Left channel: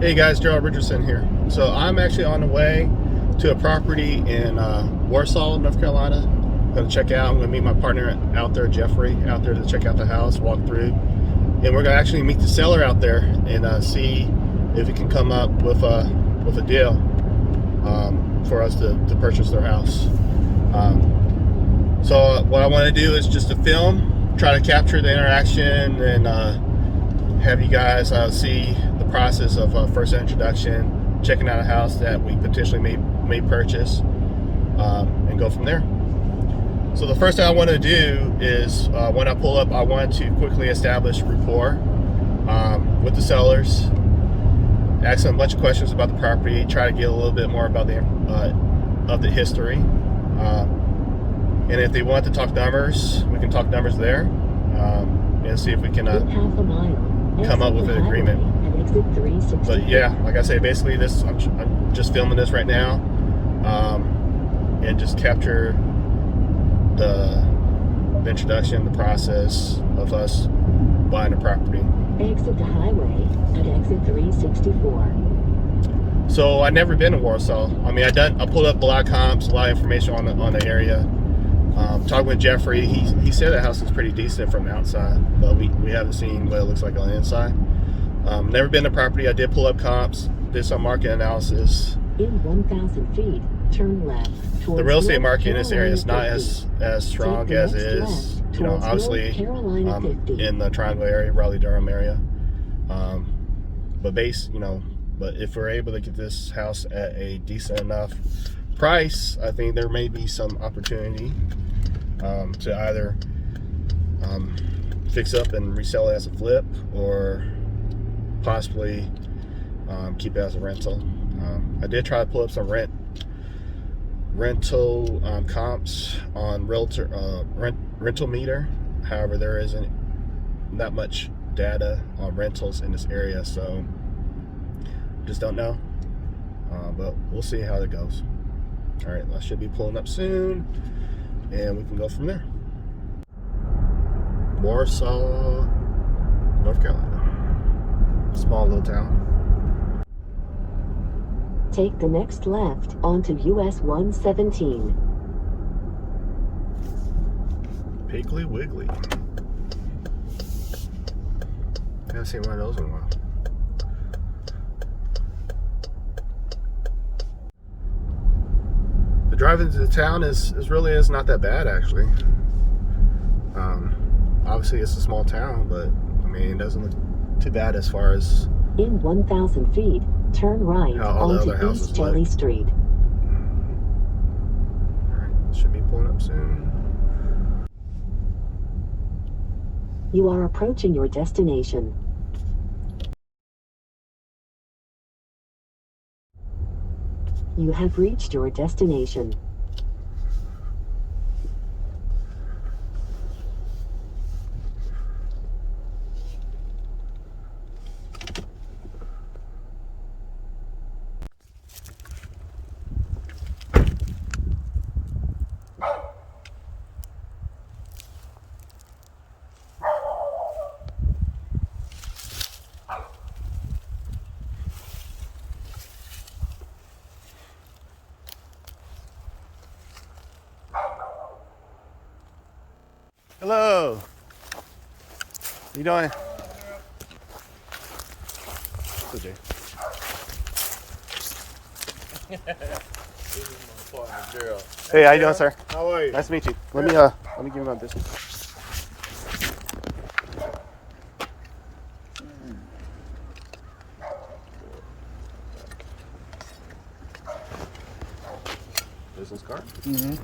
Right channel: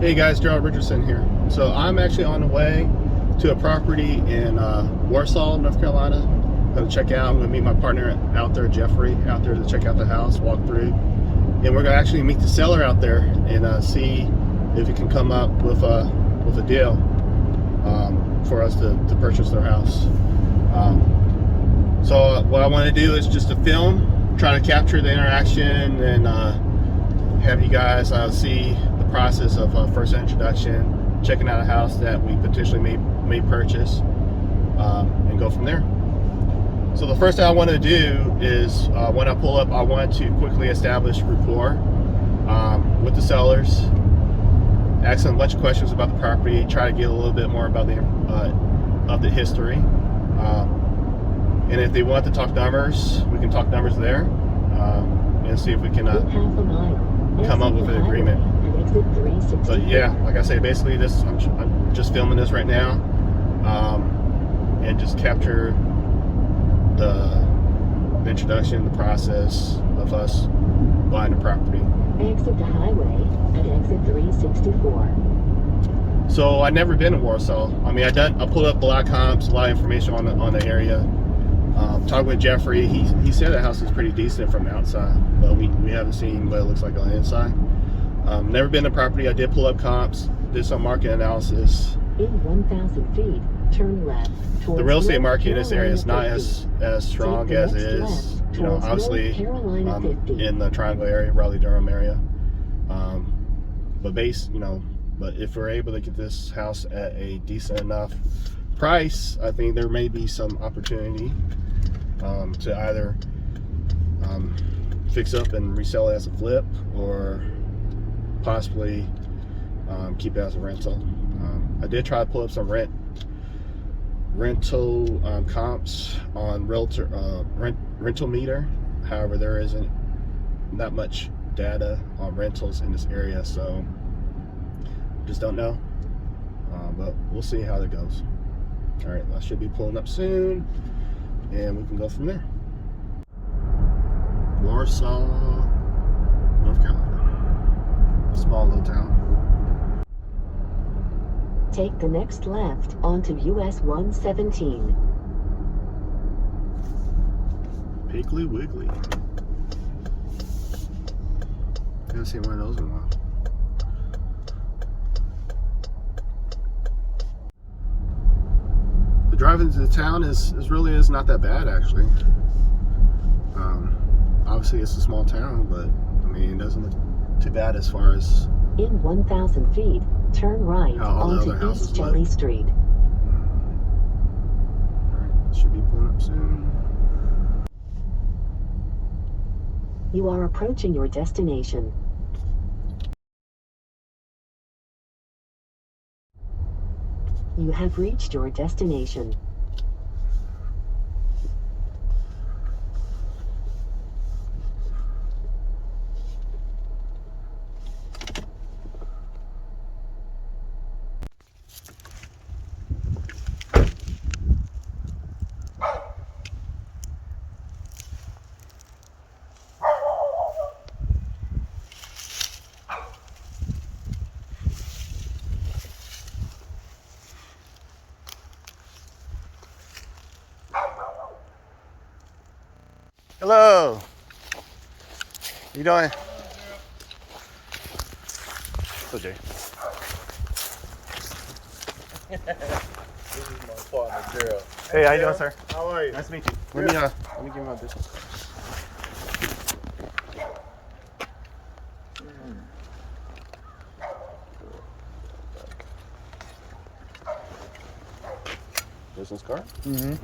Hey guys, Gerald Richardson here. So I'm actually on the way to a property in Warsaw, North Carolina. I'm going to check out. I'm going to meet my partner out there, Jeffrey, out there to check out the house, walk through. And we're going to actually meet the seller out there and see if he can come up with a deal for us to purchase their house. So what I want to do is just to film, try to capture the interaction and have you guys see the process of first introduction, checking out a house that we potentially may purchase, and go from there. So the first thing I want to do is when I pull up, I want to quickly establish rapport with the sellers, ask them a bunch of questions about the property, try to get a little bit more about the history, and if they want to talk numbers, we can talk numbers there, and see if we can come up with an agreement. But yeah, like I say, basically I'm just filming this right now, and just capture the introduction, the process of us buying a property. Exit the highway at exit 364. So I've never been to Warsaw. I mean, I pulled up Black Comps, a lot of information on the area. Talking with Jeffrey, he said the house is pretty decent from the outside, but we haven't seen what it looks like on the inside. Never been to property. I did pull up comps, did some market analysis. In 1,000 feet, turn left. The real estate market in this area is not as strong as it is, obviously in the Triangle area, Raleigh-Durham area. But if we're able to get this house at a decent enough price, I think there may be some opportunity to either fix up and resell it as a flip, or possibly keep it as a rental. I did try to pull up some rental comps on rental meter. However, there isn't that much data on rentals in this area, so just don't know. But we'll see how it goes. All right, I should be pulling up soon, and we can go from there. Warsaw, North Carolina. Small little town. Take the next left onto US 117. Piggly Wiggly. I haven't seen one of those in a while. The drive into the town is not that bad, actually. Obviously it's a small town, but I mean, it doesn't look too bad as far as in 1,000 feet, turn right onto East Jelly Street. Alright, should be pulling up soon. You are approaching your destination. You have reached your destination. Hello. How you doing? Hello, Jay. This is my partner, Gerald. Hey, how you doing, sir? How are you? Nice to meet you. Let me give you my business. Business card? Mm-hmm.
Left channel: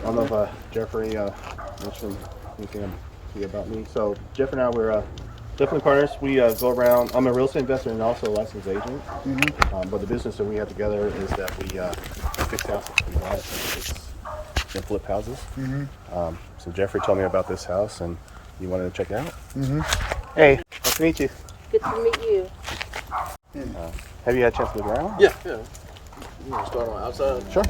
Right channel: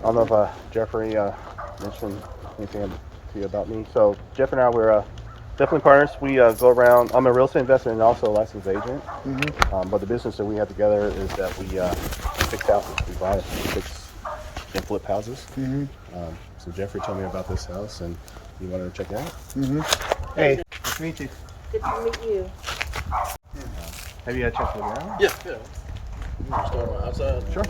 I don't know if Jeffrey mentioned anything to you about me. So Jeff and I, we're definitely partners. We go around. I'm a real estate investor and also a licensed agent. Mm-hmm. But the business that we have together is that we fix houses. We buy, fix, and flip houses. Mm-hmm. So Jeffrey told me about this house, and you wanted to check it out. Mm-hmm. Hey, nice to meet you. Good to meet you. Have you had a chance to look around? Yeah. You want to start on the outside? Sure.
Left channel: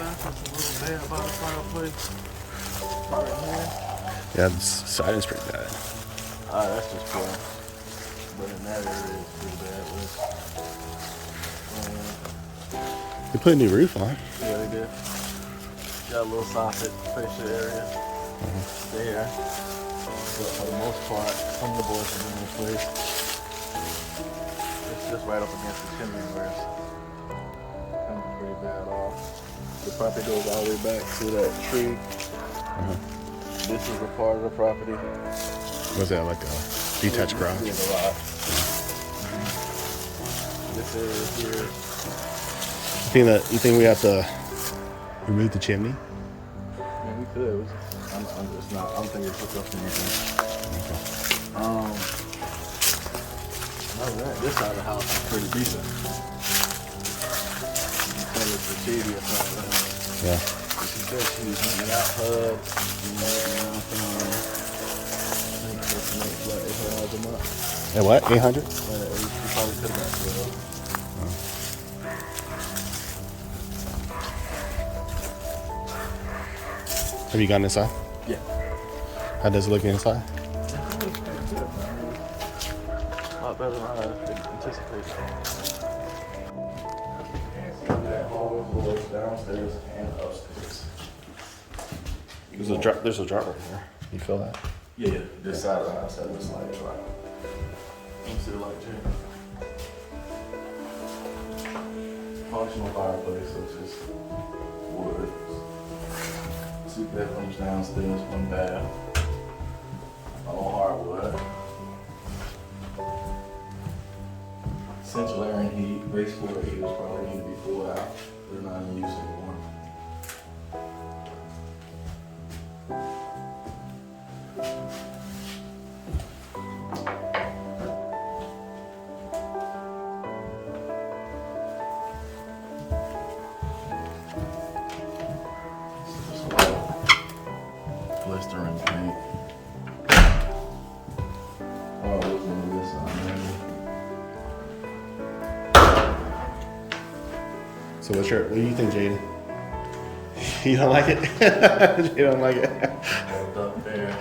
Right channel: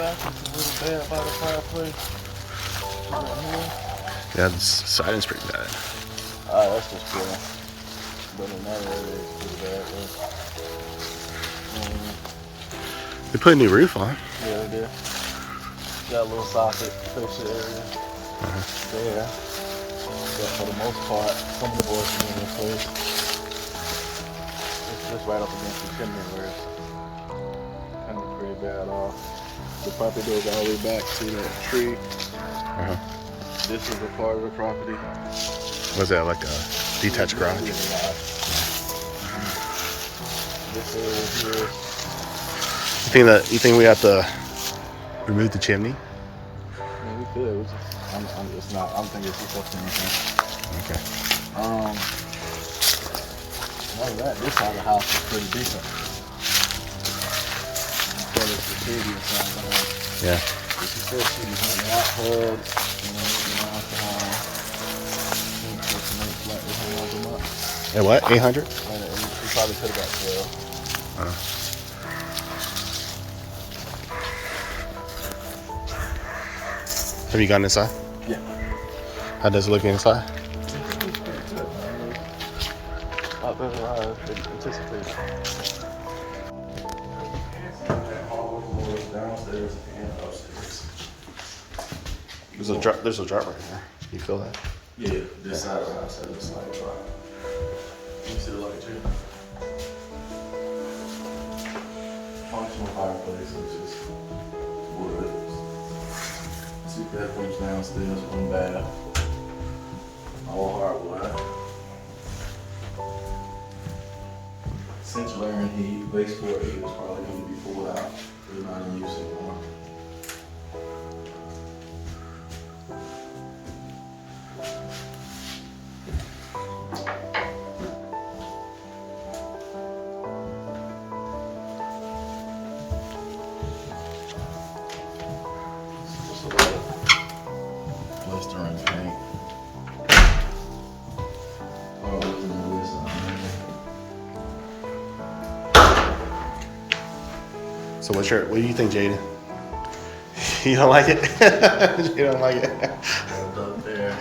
That's just a little bad by the fireplace. Yeah, the siding's pretty bad. Alright, that's just cool. But in that area, it's pretty bad. They put a new roof on. Yeah, we did. Got a little socket, fish area there. But for the most part, some of the boys are in this place. It's just right up against the chimney where it's coming pretty bad off. The property goes all the way back to that tree. This is the part of the property. Was that like a detached garage? This is a lot. This area here. You think we have to remove the chimney? I mean, we could. I'm just not. I'm thinking it's just up to anything. Okay. Other than that, this side of the house is pretty decent. But it's the previous side of the house. Yeah. You can still see these out hoods. And what? 800? You probably put about 12. Have you gone inside? Yeah. How does it look inside? It's pretty good, man. Not better than I anticipated. Downstairs and upstairs. There's a drop right here. You feel that? Yeah, this side of the house has a slight drop. Let me see the light too. Functional fireplace, which is wood. 2 bedrooms downstairs, 1 bath. All hardwood. Central air and heat. Baseboard heaters probably need to be pulled out. They're not in use anymore. Blistering paint. Oh, listen to this one. So what do you think, Jaden? You don't like it? You don't like it? Up there.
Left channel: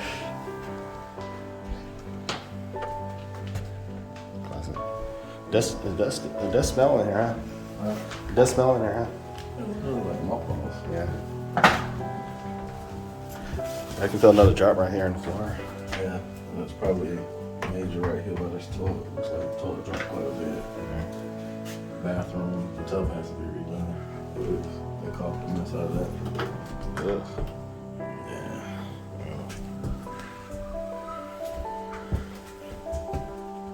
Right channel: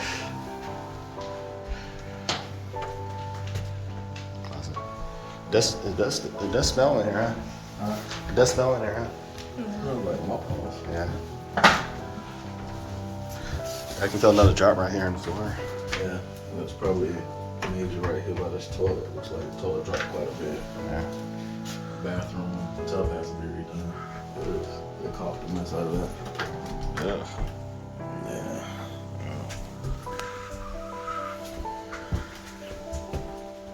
Classic. It does smell in here, huh? It does smell in there, huh? It's really like mothballs. Yeah. I can feel another drop right here on the floor. Yeah, and it's probably major right here by this toilet. Looks like the toilet dropped quite a bit. Yeah. Bathroom, the tub has to be redone. They caulked the mess out of that. Ugh. Yeah.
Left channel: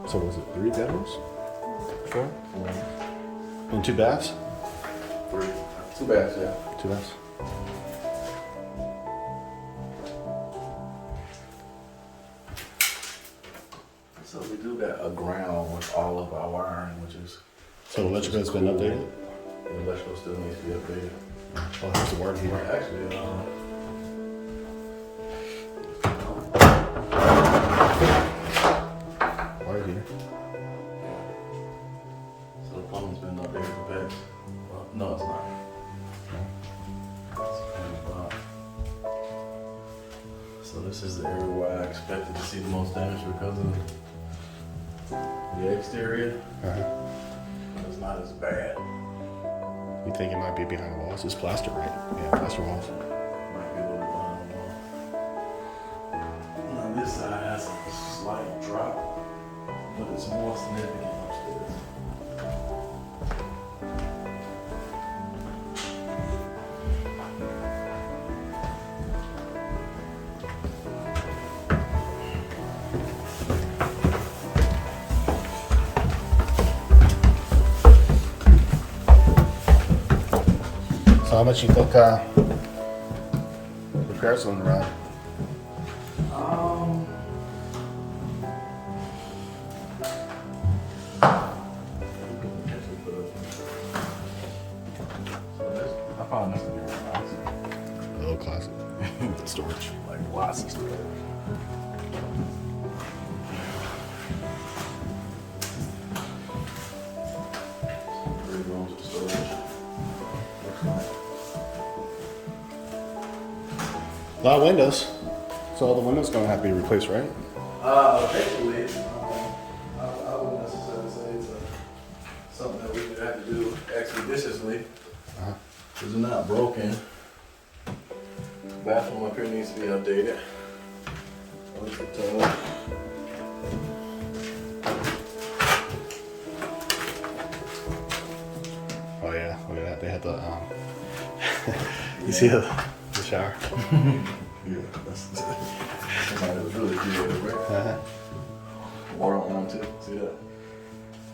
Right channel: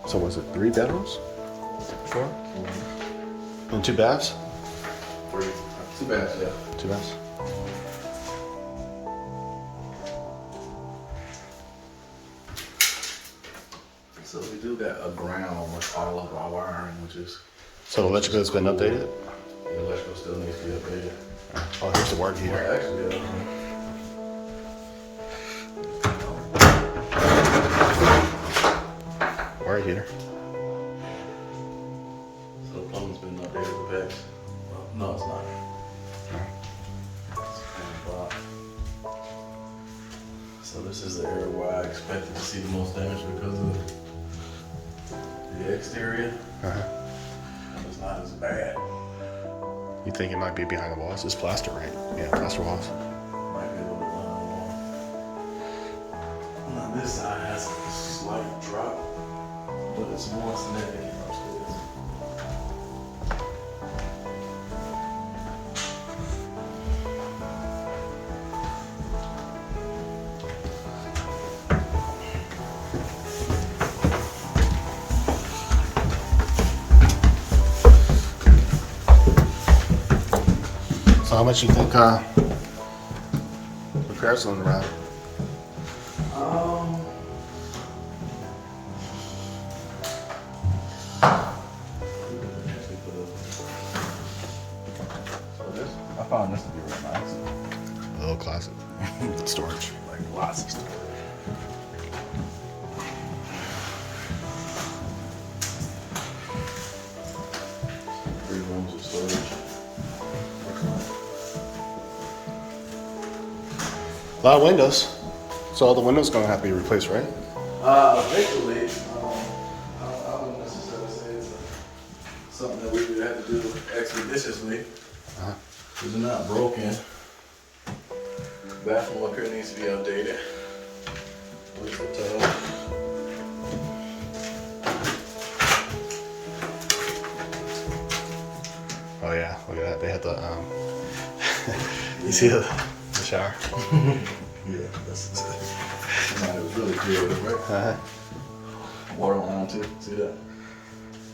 So was it 3 bedrooms? 4? And 2 baths? 3. 2 baths, yeah. 2 baths. So we do got a ground with all of our wiring, which is. So the electrical has been updated? The electrical still needs to be updated. Oh, here's the water heater. Actually, Water heater. so the plumbing's been up there at the back. No, it's not. It's kind of blocked. So this is the area where I expected to see the most damage because of the exterior. It's not as bad. You think it might be behind the walls? It's plaster, right? Yeah, plaster walls. Might be a little now this side has a slight drop, but it's more significant upstairs. So how much you think repairs on the ride? I found this to be real nice. Oh, classic. Storage. Like lots of stuff. Three rooms of storage. A lot of windows. So all the windows gonna have to be replaced, right? Eventually, I wouldn't necessarily say it's something that we would have to do expeditiously. Because they're not broken. Bathroom up here needs to be updated. What's the tub? Oh yeah, look at that. They had the you see the shower? Yeah, that's somebody was really creative, right? Water on too. See that?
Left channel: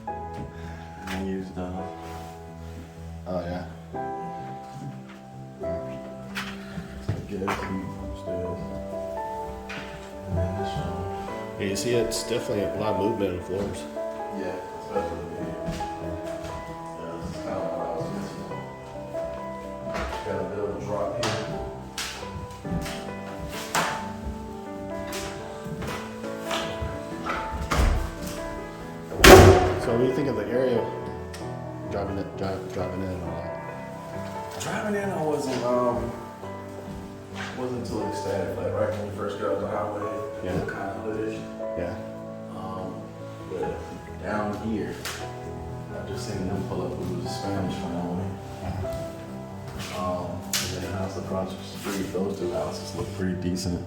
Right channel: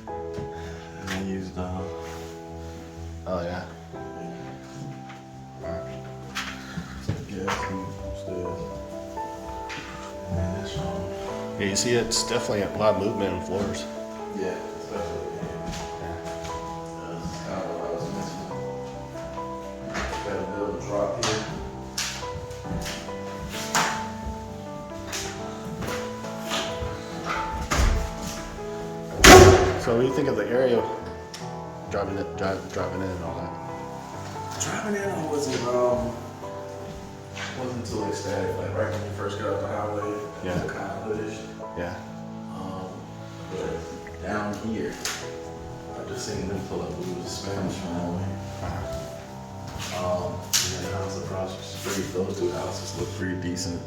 And they used Oh yeah. gas and stairs. Yeah, you see it's definitely a lot of movement in floors. Yeah, especially. Yeah, this is kind of what I was mentioning. Got a little drop here. So what do you think of the area driving in and all that? Driving in, I wasn't too ecstatic. Like right when you first got off the highway, Yeah. it was kind of hoodish. Yeah. But down here, I just seen them pull up with a Spanish family. And then the house across the street, those two houses look pretty decent.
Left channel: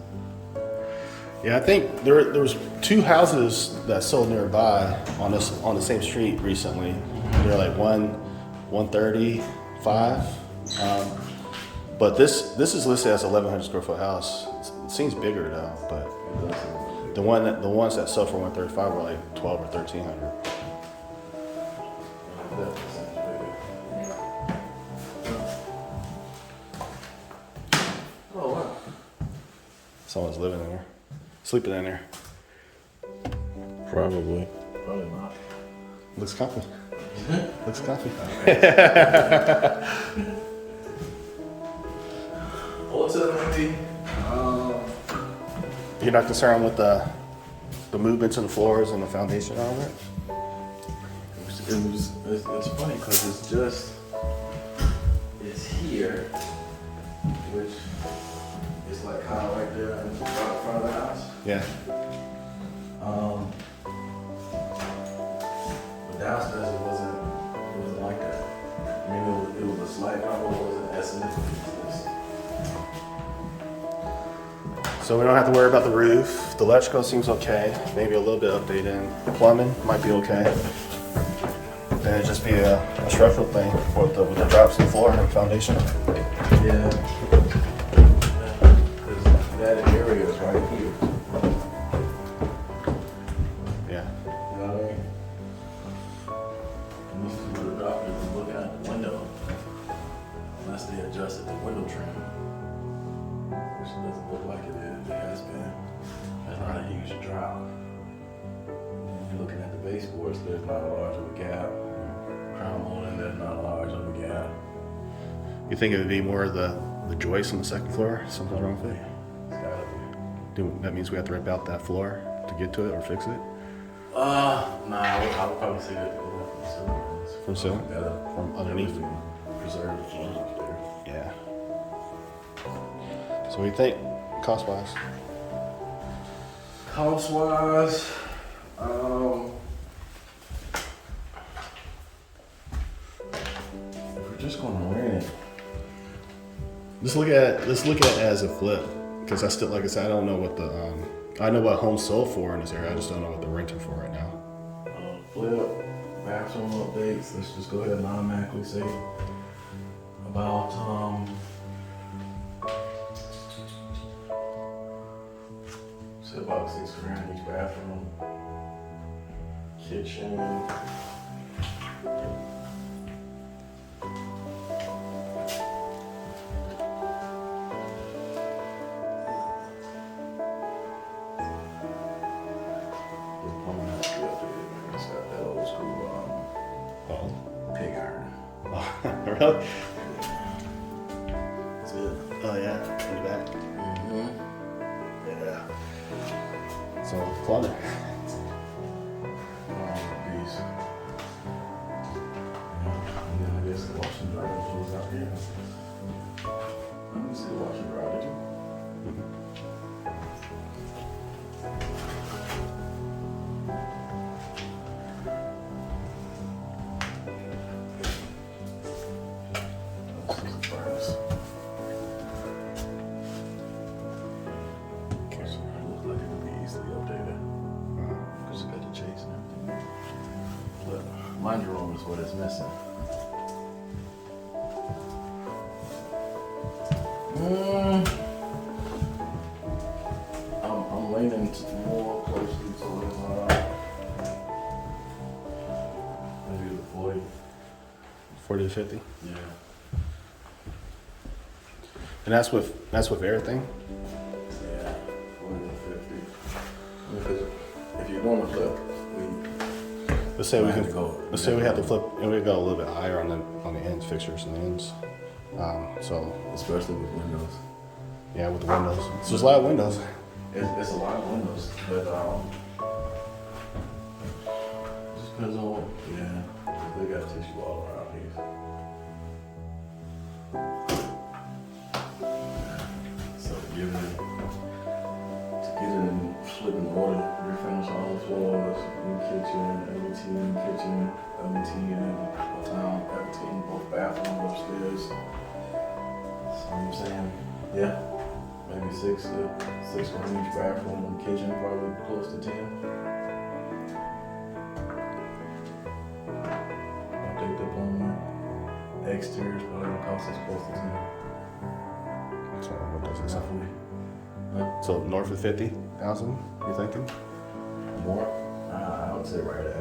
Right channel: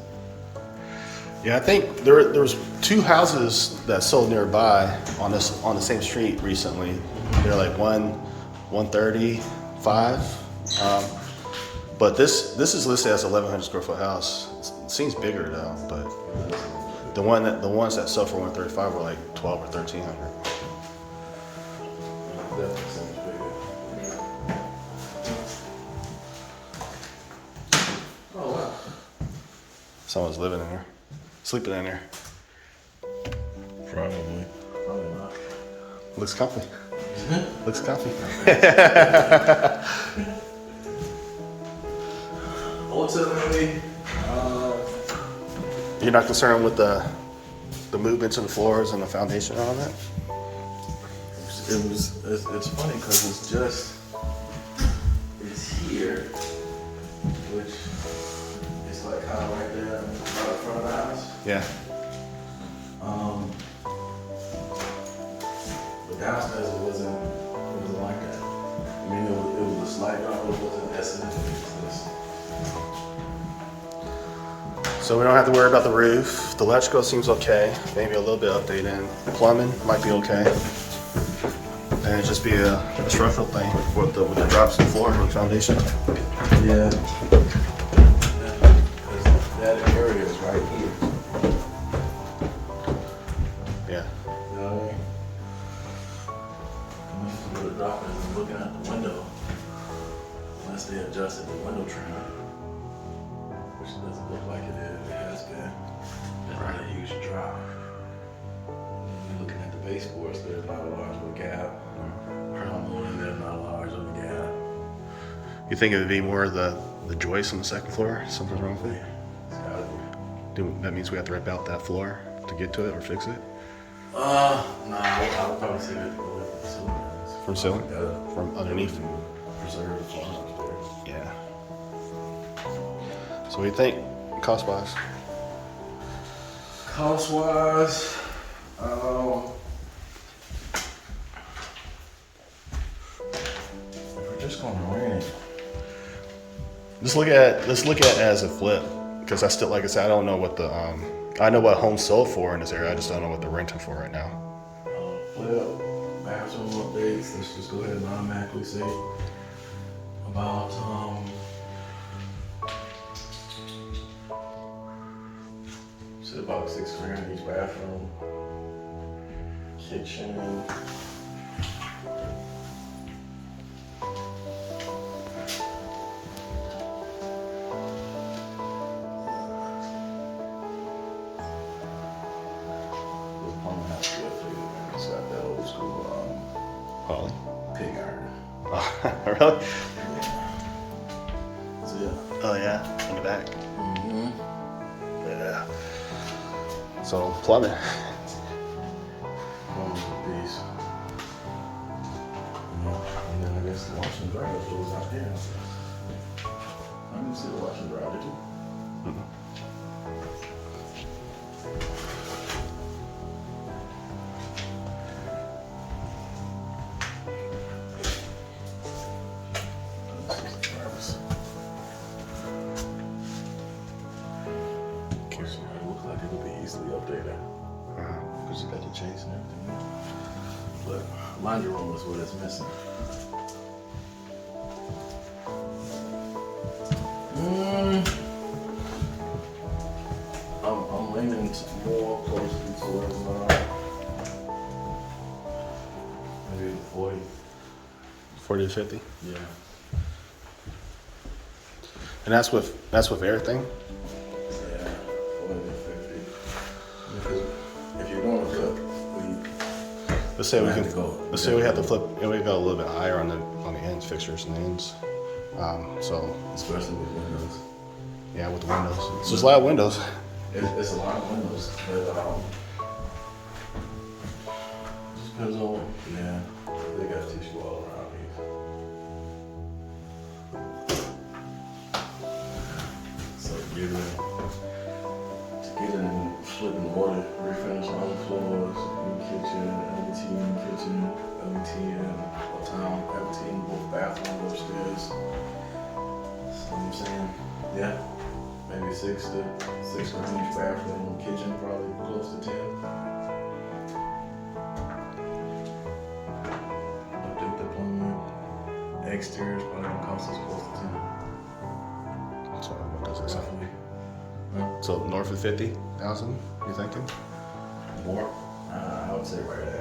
Yeah, I think there was 2 houses that sold nearby on the same street recently. They're like 135. But this is listed as 1,100 square foot house. It seems bigger though, but the ones that sell for 135 were like 12 or 1,300. Oh wow. Someone's living in there, sleeping in there. Probably not. Looks comfy. Looks comfy. Ultimately, You're not concerned with the movements in the floors and the foundation and all that? it's funny because it's here, which is like kind of right there in front of the house. Yeah. But downstairs it wasn't like that. I mean, it was a slight drop, but it wasn't as significant as this. So we don't have to worry about the roof. The electrical seems okay. Maybe a little bit updated. Plumbing might be okay. And it'd just be a structural thing with the drops in the floor and foundation. Yeah. Because that area is right here. Yeah. You know what I mean? And this is where the drop is looking out the window. Unless they adjusted the window trim. Which doesn't look like it is. It has been. Right. A huge drop. And you're looking at the baseboards, there's not a large of a gap. Crown, there's not a large of a gap. You think it would be more of the joist on the second floor? Something's wrong with it? It's gotta be. That means we have to rip out that floor to get to it or fix it? Nah, I would probably say that From ceiling? From underneath? Preserve the floor up there. Yeah. So what do you think, cost-wise? Cost-wise, we're just gonna rent. Let's look at it as a flip, because I still, like I said, I don't know what the I know what homes sold for in this area. I just don't know what they're renting for right now. Flip, bathroom updates. Let's just go ahead and automatically say about say about $6,000 each bathroom, kitchen. Holly? Pig iron. Oh, really? That's it. Oh yeah, in the back. Mm-hmm. Yeah. So plumbing. Piece. Yeah, I guess the washing dryers was out here. Let me see the washing dryer, did you? Laundry room is what is missing. I'm leaning more closely towards maybe the 40. 40 to 50. Yeah. And that's with everything. Yeah, 40 to 50. Because if you're going to flip, Let's say we have to flip, and we go a little bit higher on the ends, fixtures and ends. So especially with windows. Yeah, with the windows. So there's a lot of windows. It's a lot of windows, but just depends on they got tissue all around here. So get it in flipping order, refinish all the floors, new kitchen, LVT in the kitchen, LVT in LVT in both bathrooms upstairs. So I'm saying, yeah, maybe six to each bathroom, kitchen probably close to 10. Update the plumbing, exterior is probably gonna cost us close to 10. So what does it sound? Roughly. So north of 50,000, you thinking? More? I would say right at.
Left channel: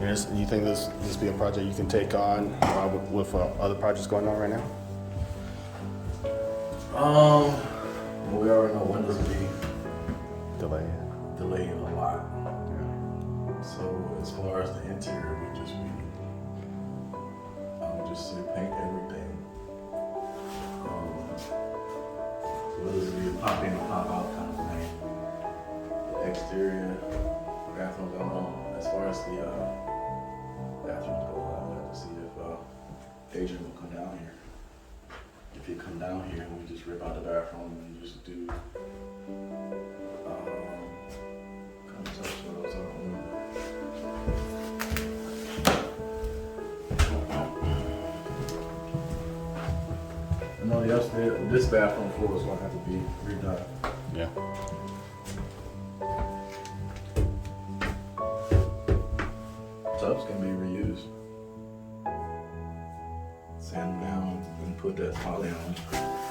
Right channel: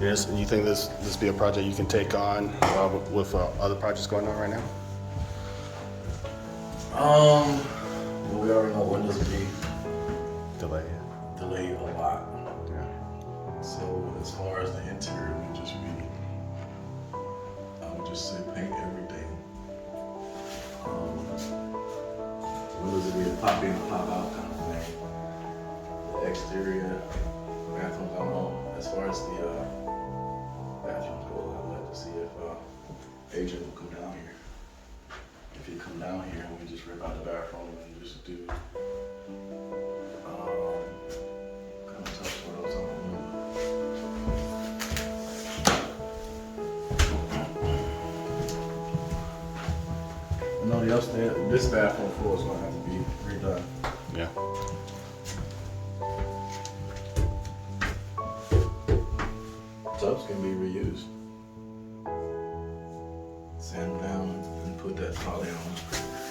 Yes, and you think this be a project you can take on with other projects going on right now? We already know windows will be Delayed a lot. Yeah. So as far as the interior, I would just say paint everything. Windows will be a pop in, pop out kind of thing. The exterior bathrooms, I don't know. As far as the bathrooms go, I would have to see if Adrian will come down here. If he come down here and we just rip out the bathroom and just do kind of touch what else on the window. I know the upstairs, this bathroom floor is gonna have to be redone. Yeah. Tubs can be reused. Sand them down and put that poly on,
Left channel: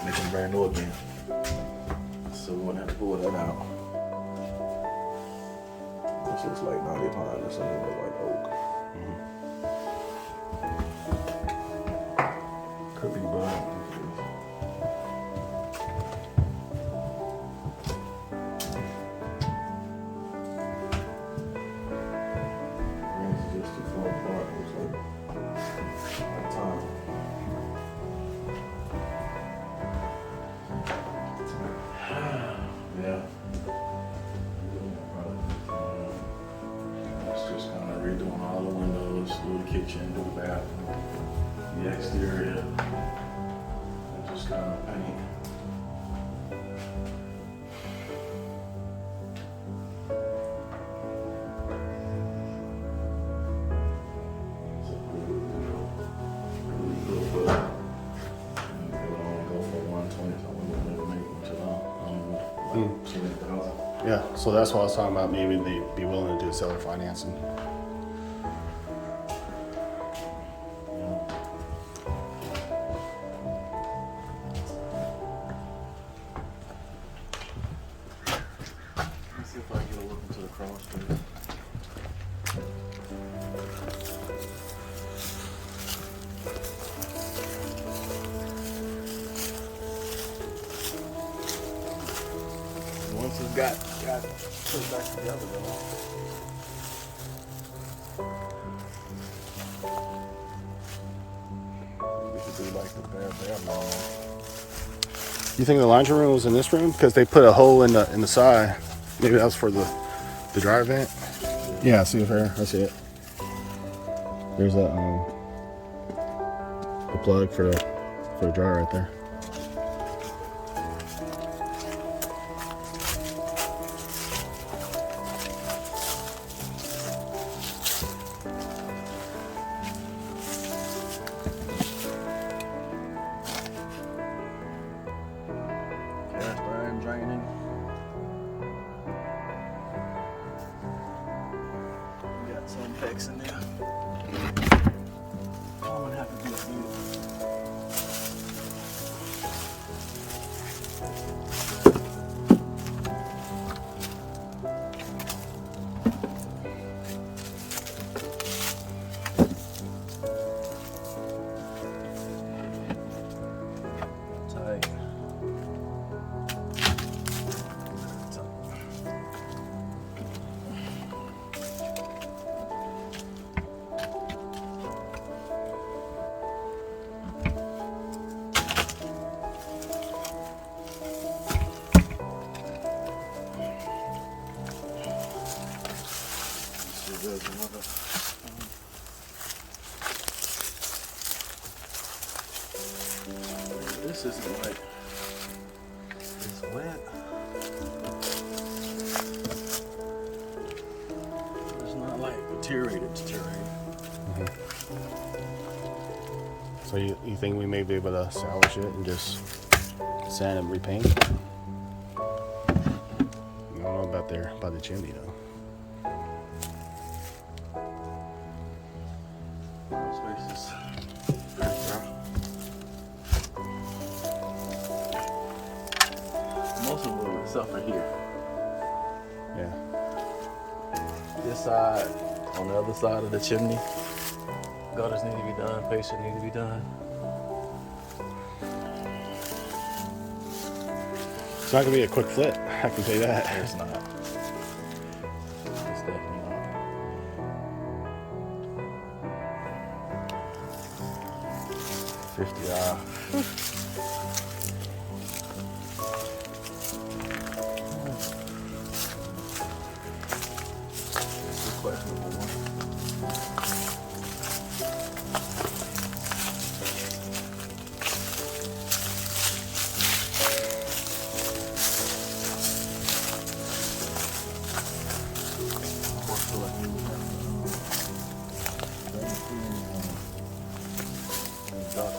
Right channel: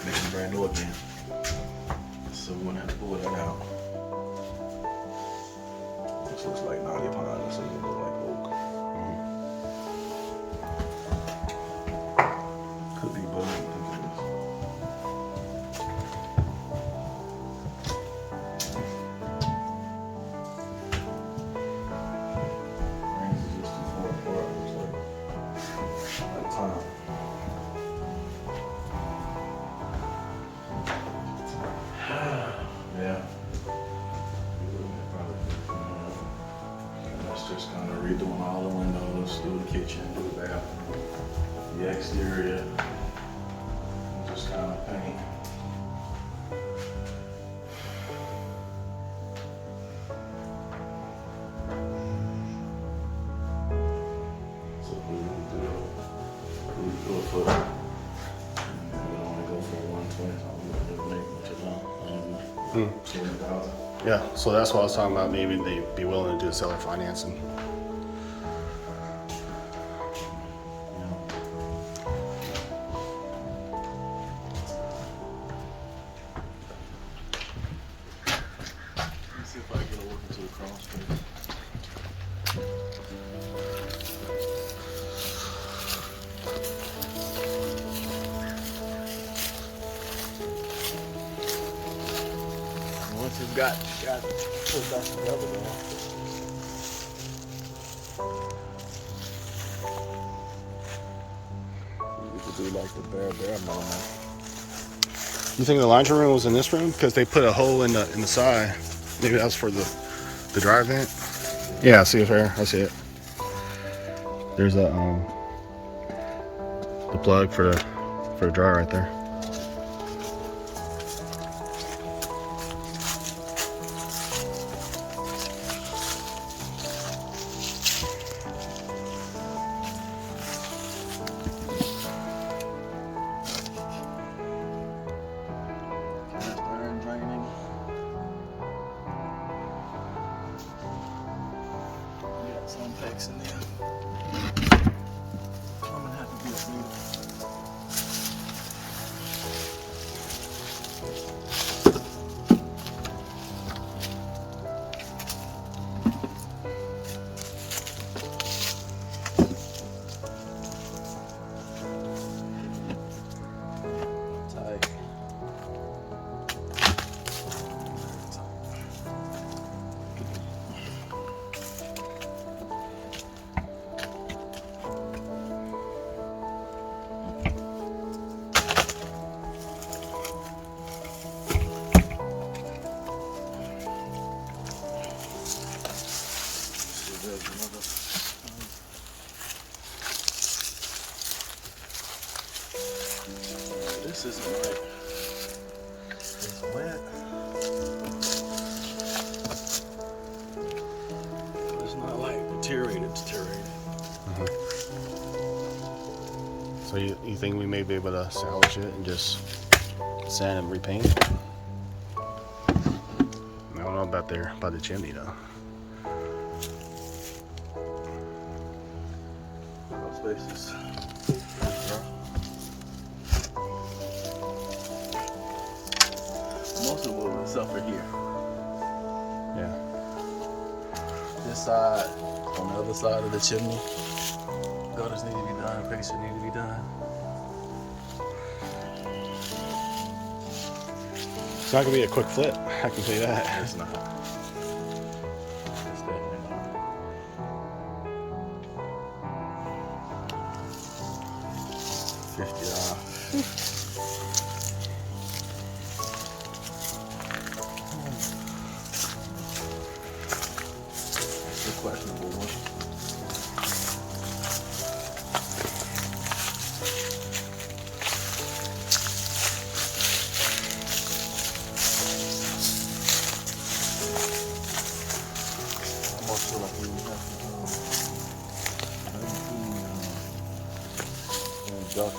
make them brand new again. So we wouldn't have to pull that out. This looks like 90 pounds, something like oak. Could be bone. Yeah. That's just kind of redoing all the windows, do the kitchen, do the bathroom, the exterior, and just kind of paint. So we do it for, we only go for 120, so we wouldn't make much of that. 20,000. Yeah, so that's what I was talking about. Maybe they'd be willing to do seller financing. Let's see if I can get a look into the crawl space. Once you've got put back together, man. We could do like the bare minimum. You think the laundry room was in this room? Because they put a hole in the side. Maybe that was for the dryer vent. Yeah, I see it here. I see it. There's a the plug for the dryer right there. Cast iron draining. Got some packs in there. I'm gonna have to be a tight. This isn't right. It's wet. It's not like deteriorated. Mm-hmm. So you think we may be able to salvage it and just sand and repaint? I don't know about the chimney though. Spaces. Most of it will suffer here. Yeah. This side, on the other side of the chimney, gutters need to be done, facing need to be done. It's not gonna be a quick flip, I can tell you that. It's not. It's definitely not. $50.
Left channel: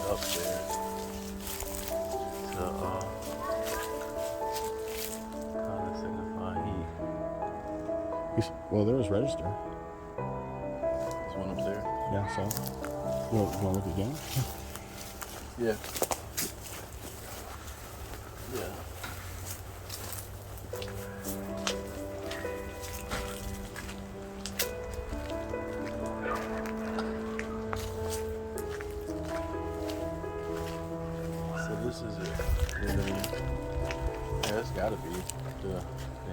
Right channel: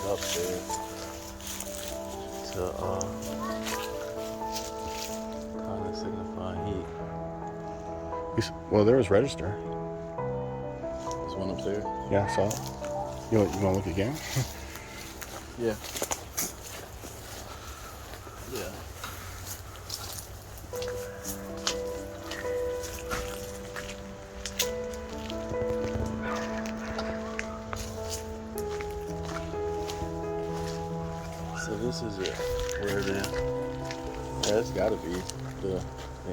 Upstairs to kind of signify heat. Well, there was register. There's one upstairs. Yeah, so you want to look again? Yeah. So this is it. Where it is. Yeah, it's gotta be the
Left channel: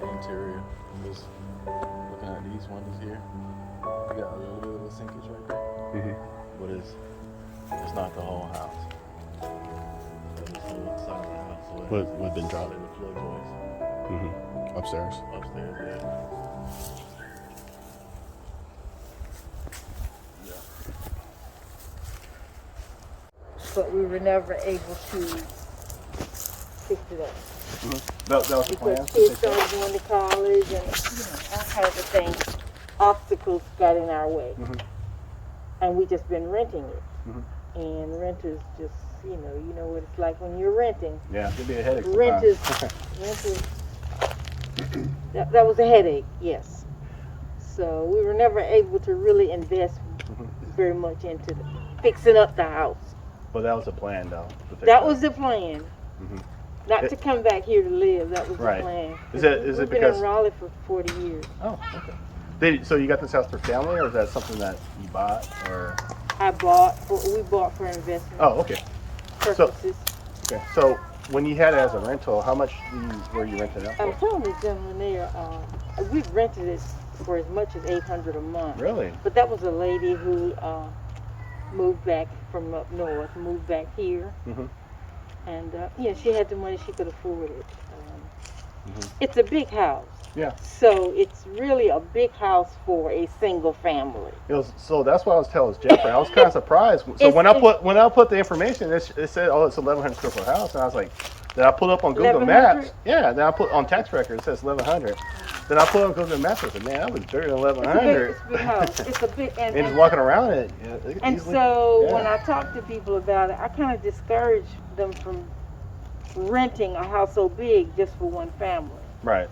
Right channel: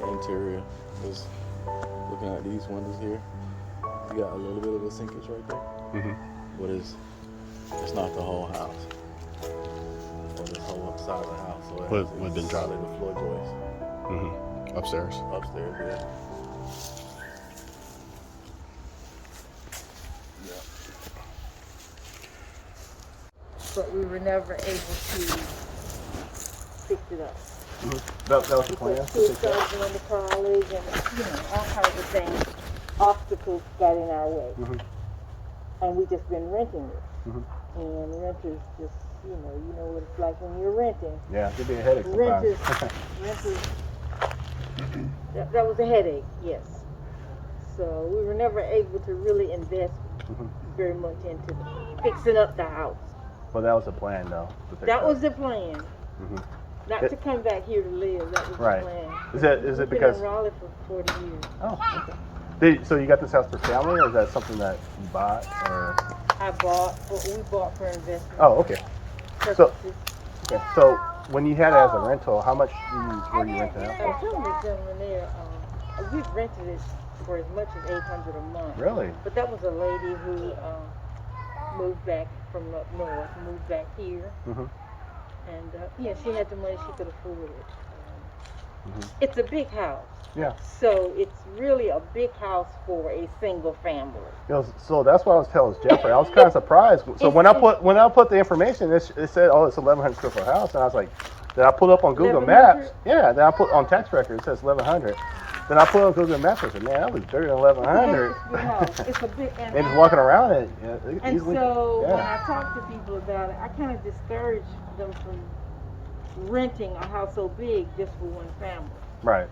interior. Because looking at these windows here, you got a little bit of a sinkage right there. Mm-hmm. But it's not the whole house. So the whole side of the house. So What been dropped? The floor joists. Mm-hmm. Upstairs. Upstairs, yeah. But we were never able to fix it up. Mm-hmm. That was the plan? Because kids started going to college and, all kinds of things. Obstacles got in our way. Mm-hmm. And we just been renting it. Mm-hmm. And rent is just, you know what it's like when you're renting. Yeah, it could be a headache Rent sometimes. is, that was a headache, yes. So we were never able to really invest very much into fixing up the house. Well, that was the plan, though. That was the plan. Mm-hmm. Not to come back here to live. That was Right. the plan. Is it We've because? been in Raleigh for 40 years. Oh, okay. So you got this house for family, or is that something that you bought, or? We bought for investment Oh, okay. purposes. Okay. So when you had it as a rental, how much were you renting out I was for? telling this gentleman there, we've rented it for as much as $800 a month. Really? But that was a lady who moved back from up north, moved back here. Mm-hmm. And, she had the money, she could afford it. It's a big house. Yeah. So it's really a big house for a single family. So that's what I was telling Jeffrey. I was kind of surprised. So when I put the information, it said, "Oh, it's 1,100 square foot house," and I was like, then I put up on Google Maps. Yeah. Then I put on text record. It says 1,100. Then I put on Google Maps. I said, "Man, that looks bigger than 1,100." It's a big house. It's a big and just walking around it. And so when I talk to people about it, I kind of discourage them from renting a house so big just for one family. Right.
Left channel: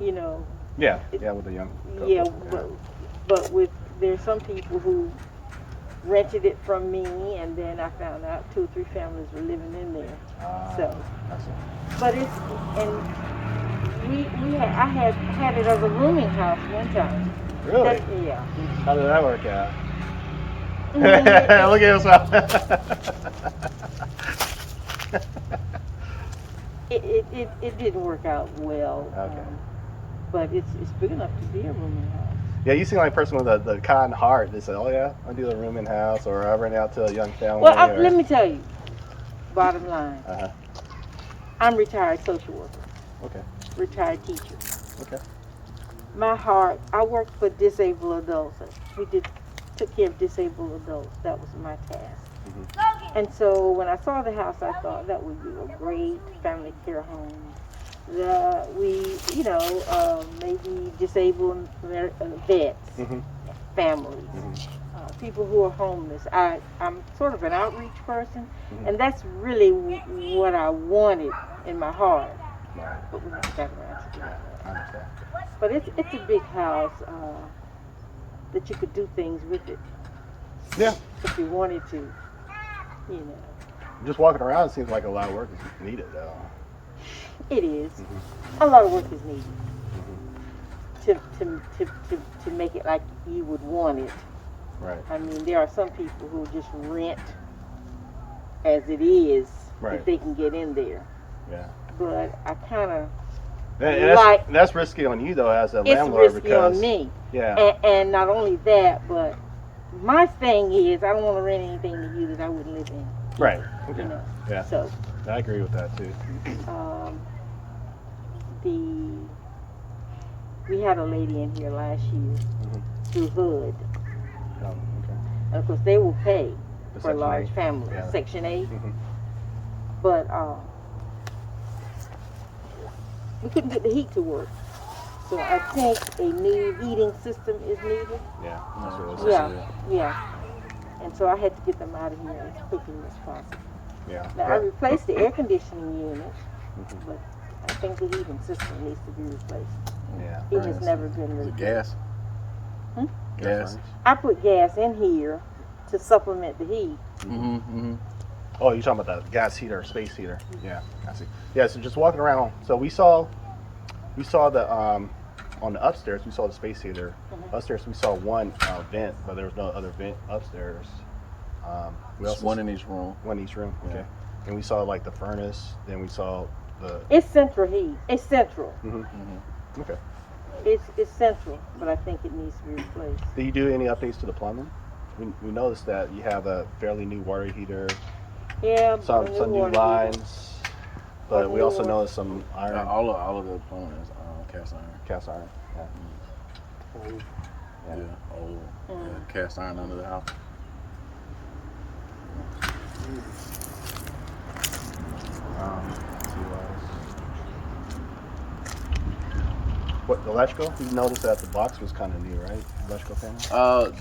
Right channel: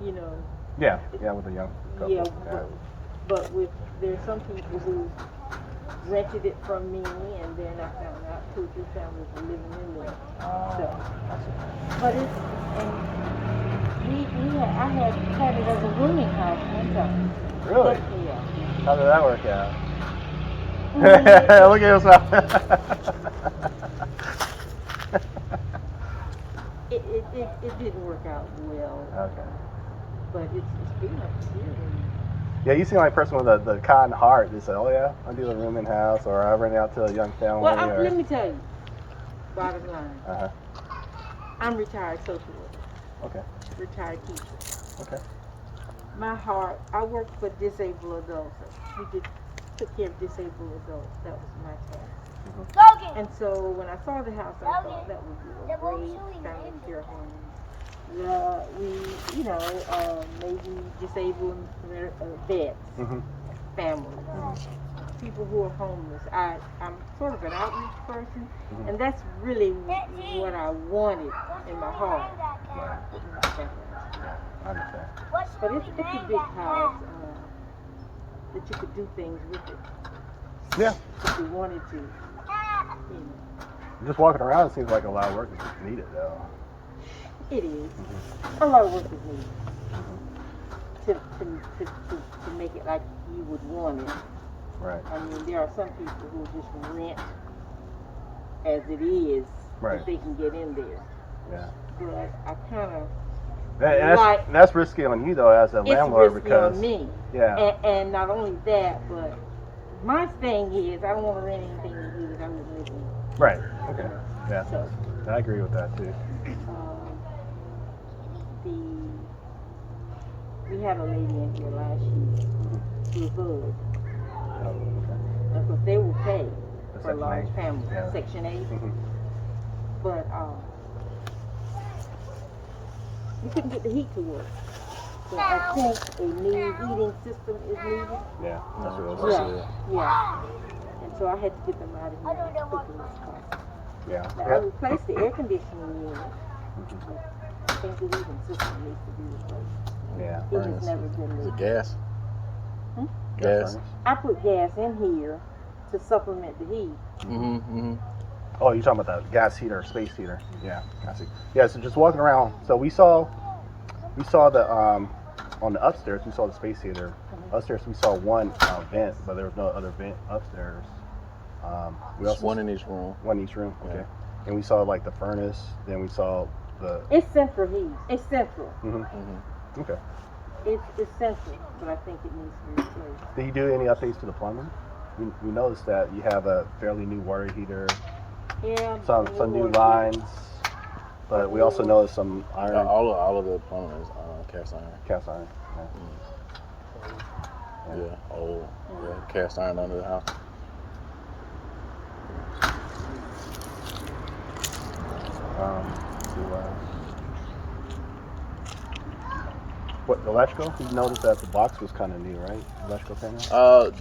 You know. Yeah. With the young couple. Yeah, but there's some people who rented it from me, and then I found out 2 or 3 families were living in there. But it's I had it as a rooming house one time. Really? Yeah. How did that work out? Mm-hmm. Look at us. It didn't work out well. Okay. But it's big enough to be a rooming house. Yeah, you seem like a person with the kind heart that say, "Oh yeah, I do a rooming house," or I rent out to a young family. Well, let me tell you. Bottom line. I'm retired social worker. Okay. Retired teacher. Okay. My heart. I worked for disabled adults. Took care of disabled adults. That was my task. And so when I saw the house, I thought that would be a great family care home. We, maybe disabled vets, families, people who are homeless. I'm sort of an outreach person, and that's really what I wanted in my heart. But we're not that much. But it's a big house that you could do things with it. Yeah. If you wanted to, Just walking around, it seems like a lot of work is needed, though. It is. A lot of work is needed to make it like you would want it. Right. I mean, there are some people who just rent as it is if they can get in there. Yeah. But I kind of that's risky on you though, as a landlord, it's risky because on me. Yeah. And not only that, but my thing is I don't want to rent anything to you that I wouldn't live in. Right. Okay. Yeah. So I agree with that too. We had a lady in here last year through HUD. Oh, okay. Of course, they will pay for a Section large 8. family, Yeah. Section 8. But we couldn't get the heat to work. So I think a new heating system is needed. Yeah, that's what it is. Yeah. And so I had to get them out of here as quickly as possible. Yeah. Now, I replaced the air conditioning unit, but I think the heating system needs to be replaced. Yeah. It has never been Is it replaced. gas? Gas? I put gas in here to supplement the heat. Oh, you're talking about the gas heater, space heater. Yeah, I see. Yeah, so just walking around. So we saw the on the upstairs. We saw the space heater. Upstairs, we saw one vent, but there was no other vent upstairs. We also One in each room. One in each room. Yeah. Okay. Then we saw like the furnace. Then we saw the. It's central heat. It's central. Okay. It's central, but I think it needs to be replaced. Did you do any updates to the plumbing? We noticed that you have a fairly new water heater. Yeah. Some new lines, but we also noticed some iron. All of the plumbing is cast iron. Cast iron. Yeah. Old. Yeah. Cast iron under the house. Let's see what else. What, the electrical? You noticed that the box was kind of new, right? Electrical panel?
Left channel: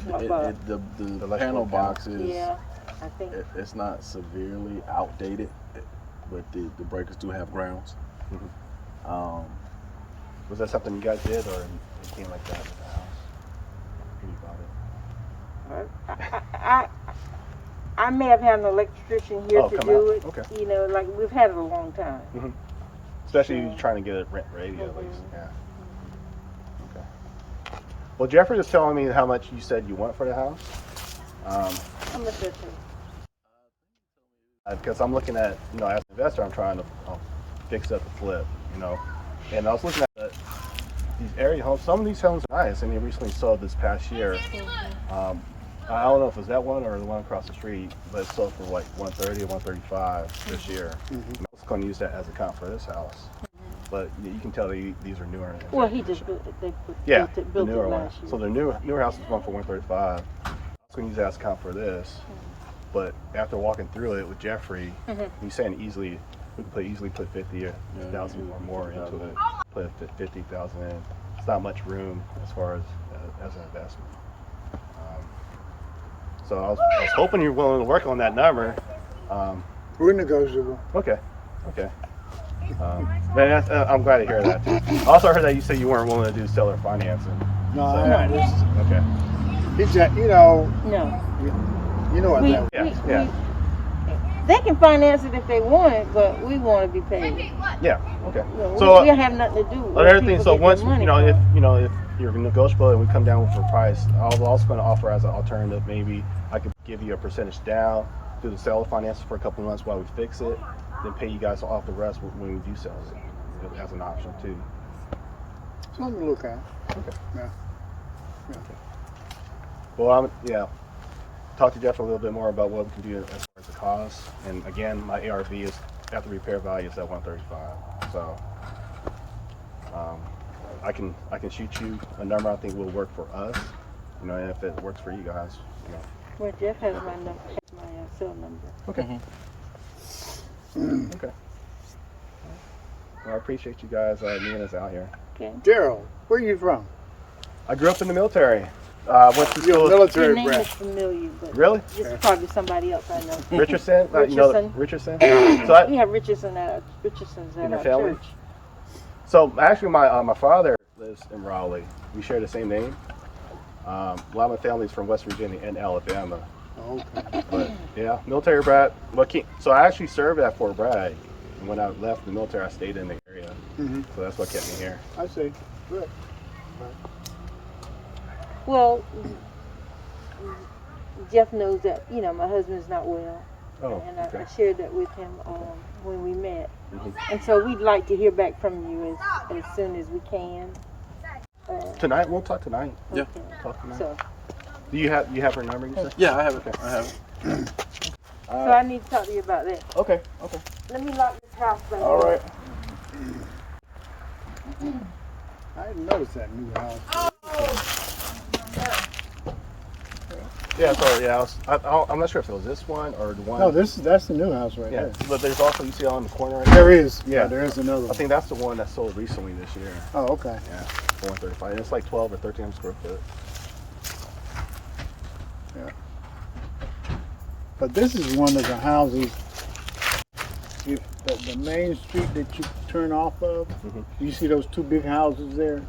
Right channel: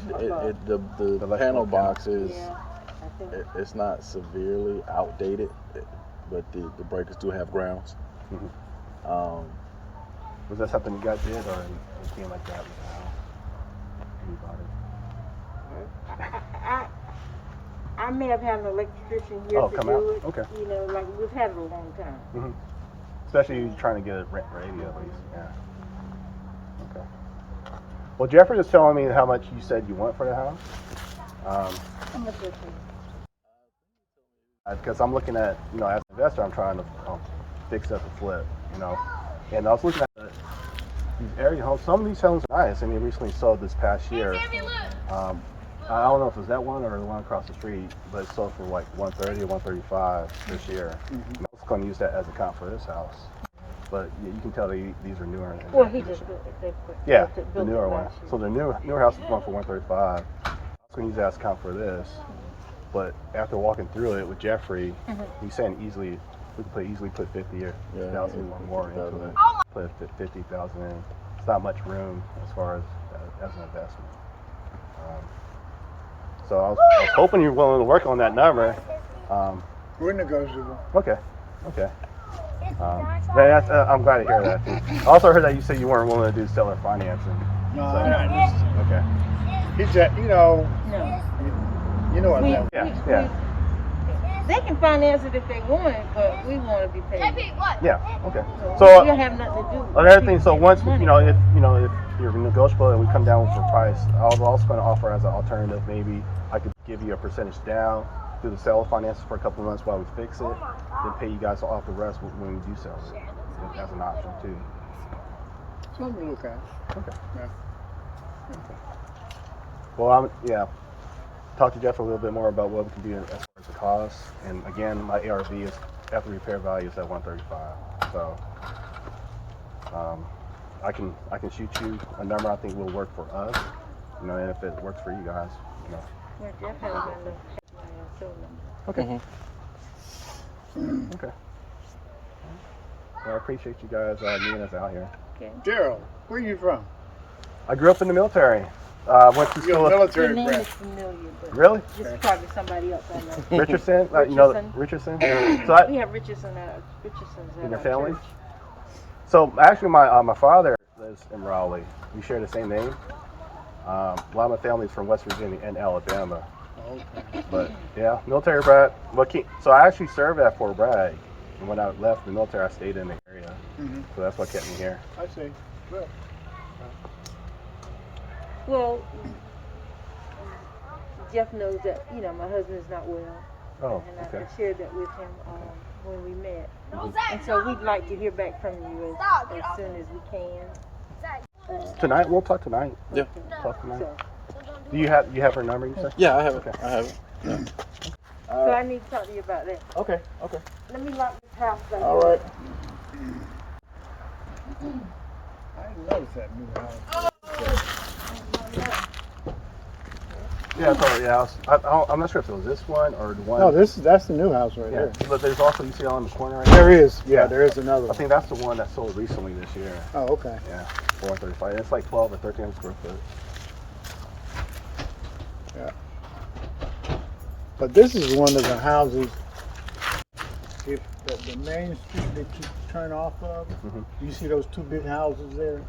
The panel box is, Yeah, I think. it's not severely outdated, but the breakers do have grounds. Was that something you guys did, or it came like that with the house when you bought it? I may have had an electrician here to do it. Okay. You know, like we've had it a long time. Especially you trying to get it ready at least. Yeah. Okay. Well, Jeffrey was telling me how much you said you want for the house. How much is it? Because I'm looking at, as an investor, I'm trying to fix up the flip, And I was looking at these area homes. Some of these homes are nice. I mean, recently sold this past year. I don't know if it was that one or the one across the street, but it sold for like $130 or $135 this year. I was going to use that as a comp for this house. but you can tell these are newer. Well, he just built it the built newer it one. last year. So the newer house is going for 135. I was going to use that as count for this, but after walking through it with Jeffrey, we saying easily we could easily put 50,000 or more into it. Put 50,000 in. It's not much room as far as an investment. So I was hoping you're willing to work on that number. We're negotiable. Okay. I'm glad to hear that too. I also heard that you said you weren't willing to do seller financing. No, So, I just, okay. he's just, you know. No. You know what We- that. Yeah. They can finance it if they want it, but we want to be paid. Yeah. Okay. You know, So we don't have nothing to do with another thing. people So getting once their money. if you're negotiable and we come down for price, I was also going to offer as an alternative. Maybe I could give you a percentage down, do the seller finance for a couple of months while we fix it, then pay you guys off the rest when we do sell it as an option too. Something to look at. Okay. Yeah. Well, talk to Jeff a little bit more about what we can do as far as the cost. And again, my ARV is after repair value is at 135. So I can shoot you a number I think will work for us. And if it works for you guys, Well, Jeff has my cell number. Okay. Okay. Well, I appreciate you guys meeting us out here. Okay. Daryl, where are you from? I grew up in the military. Went to You're school. a military Your name brat. is familiar, but Really? it's probably somebody else I know. Richardson? Richardson. Richardson? So We have Richardson's at In your our family? church. So actually, my father lives in Raleigh. We share the same name. A lot of my family is from West Virginia and Alabama. Okay. But yeah, military brat. So I actually served at Fort Bragg, and when I left the military, I stayed in the area. Mm-hmm. So that's what kept me here. I see. Good. Well, Jeff knows that my husband's not well, Oh, and okay. I shared that with him when we met. Mhm. And so we'd like to hear back from you as soon as we can. Tonight, we'll talk tonight. Yeah. Talk tonight. So, Do you have her number? You said? Yeah, I have it. I have it. so I need to talk to you about that. Okay. Let me lock this house first. All right. I didn't notice that new house. Yeah. So I'm not sure if it was this one or the one. No, that's the new house right Yeah. there. But there's also you see on the corner right There is. Yeah. Yeah, there is another I one. think that's the one that sold recently this year. Oh, okay. Yeah, for 135. And it's like 12 or 13 square foot. But this is one of the houses. If the main street that you turn off of, you see those two big houses there?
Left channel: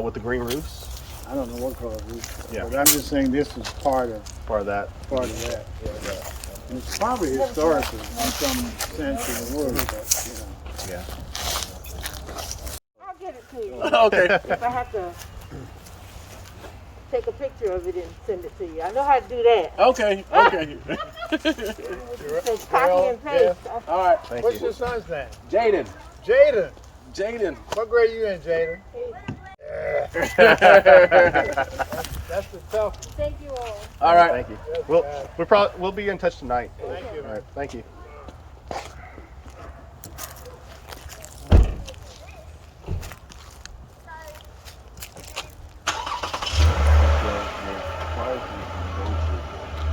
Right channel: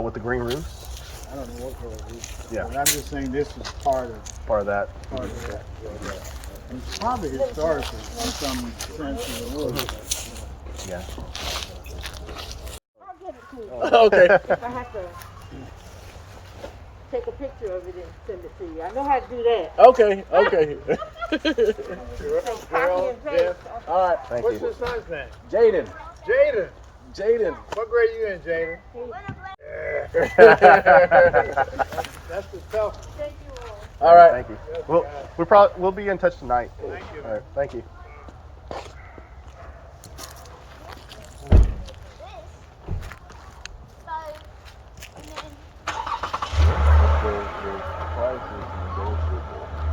With the green roofs. I don't know what color it is. Yeah. But I'm just saying this is part of That. that. And it's probably historical in some sense of the word. But, Yeah. I'll get it to you. Okay. If I have to take a picture of it and send it to you. I know how to do that. Okay. Take copy and paste. All right. Thank What's you. your son's name? Jaden. Jaden. What grade you in, Jaden? That's the tough one. Thank you all. All right. Thank you. We'll be in touch tonight. Thank you. All right. Thank you. The price is negotiable.